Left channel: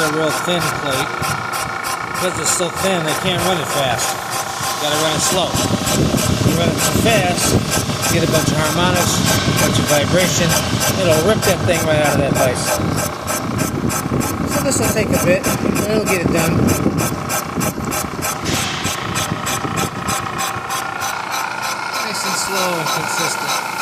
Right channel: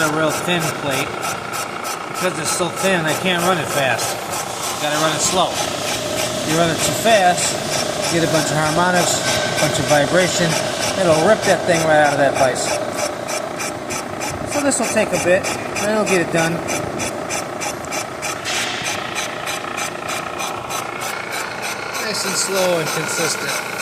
with a real thin plate. Because it's so thin, I can't run it fast. You gotta run it slow. If you run it too fast, you get a bunch of harmonics, a bunch of vibration. It'll rip that thing right out of that vise. So this will take a bit, but it'll get it done. Nice and slow and consistent.